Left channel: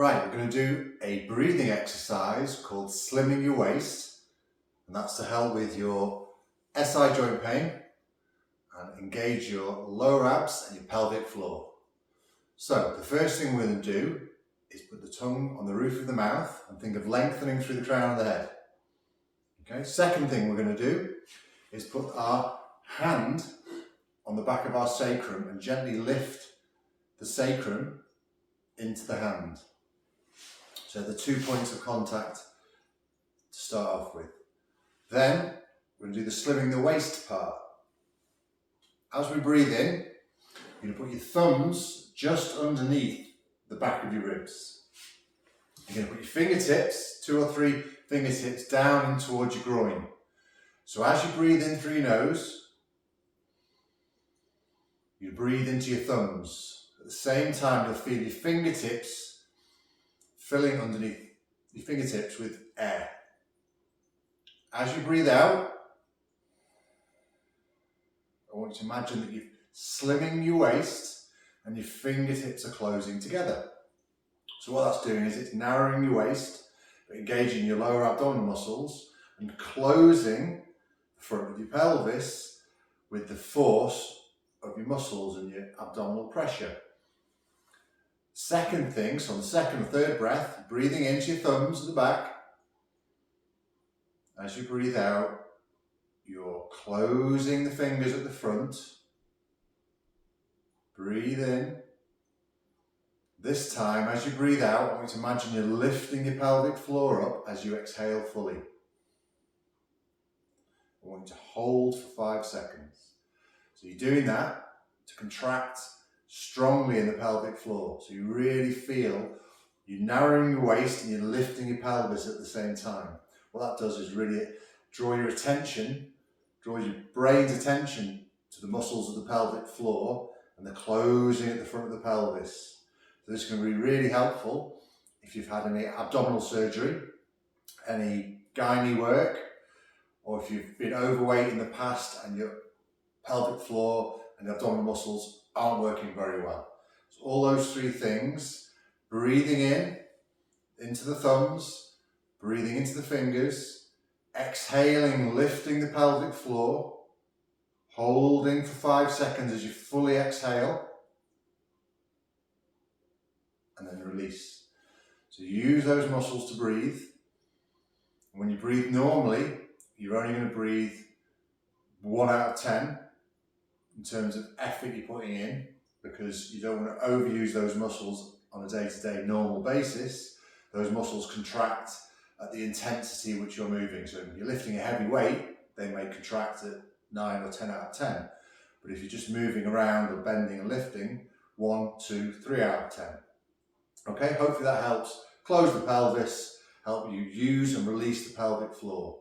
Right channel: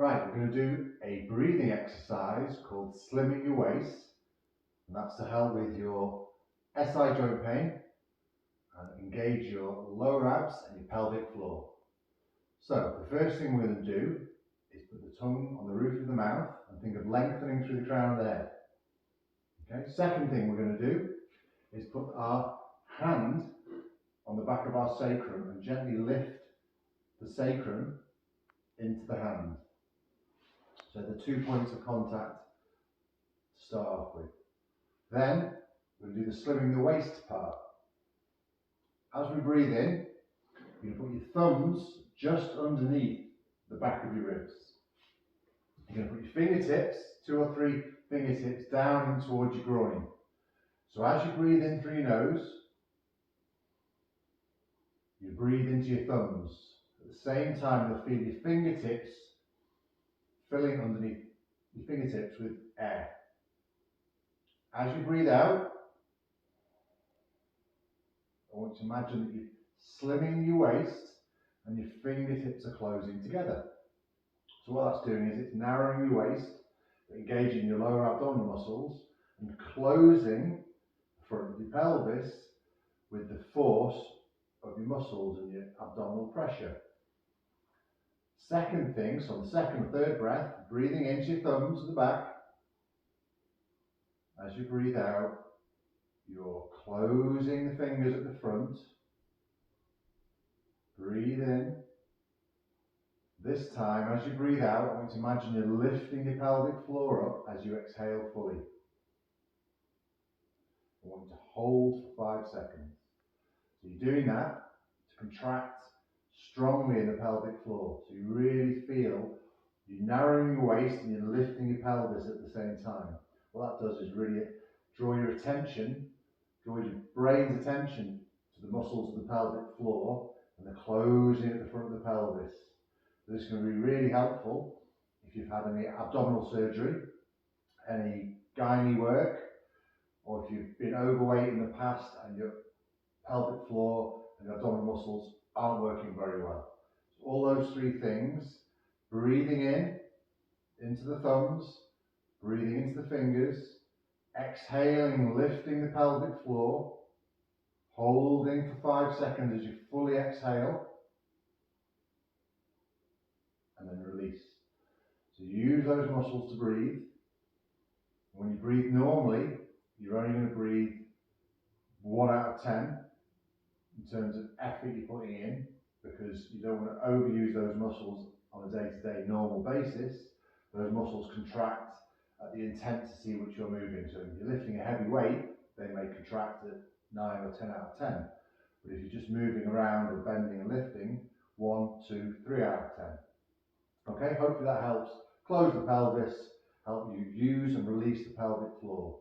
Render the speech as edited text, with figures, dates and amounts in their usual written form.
Right, we're going to do a breathing exercise called slimming your waist, and that's to help with your SI joint pain and engage your lower abs and your pelvic floor. So the first thing we're going to do is put the tongue on the roof of the mouth and think of lengthening through the crown of the head. Okay. Second thing we're going to do is put our hand on the back of our sacrum and gently lift the sacrum into the hand. So the 2 points of contact to start off with. Then we're going to do the slimming the waist part. As we breathe in, you're going to put your thumbs just underneath the back of your ribs. You're going to put your fingertips, 2 or 3 fingertips down in towards your groin. So as you breathe in through your nose, you breathe into your thumbs. At the same time, you'll feel your fingertips filling underneath your fingertips with air. As you breathe out, I want you to imagine that you're slimming your waist and your fingertips are closing together. So what that's doing is it's narrowing your waist, but engaging your lower abdominal muscles and closing the front of your pelvis with the force of your muscles and your abdominal pressure. Second thing, so on the second or third breath, breathing into your thumbs at the back. As you breathe out, you're closing the fingers at the front. Breathe in. This time, as you breathe out, I want you to imagine you're lifting your pelvic floor up as you exhale fully. I want you to hold for 5 seconds. So you're doing that to contract strongly in the pelvic floor. So you really feel you're narrowing your waist and you're lifting your pelvis at the same time. What that does is really draw your attention, draw your brain's attention to the muscles of the pelvic floor and the closing at the front of the pelvis. So this is going to be really helpful if you've had any abdominal surgery, any gynae work, or if you've been overweight in the past and your pelvic floor and the abdominal muscles aren't working very well. So all those 3 things, breathing in, into the thumbs, breathing into the fingers, exhaling, lifting the pelvic floor, holding for 5 seconds as you fully exhale, and then release. So use those muscles to breathe. When you breathe normally, you're only going to breathe 1 out of 10 in terms of effort you're putting in, because you don't want to overuse those muscles on a day-to-day normal basis. Those muscles contract at the intensity which you're moving. So if you're lifting a heavy weight, they may contract at 9 or 10 out of 10. But if you're just moving around or bending and lifting, 1, 2, 3 out of 10. Okay, hopefully that helps close the pelvis, help you use and release the pelvic floor.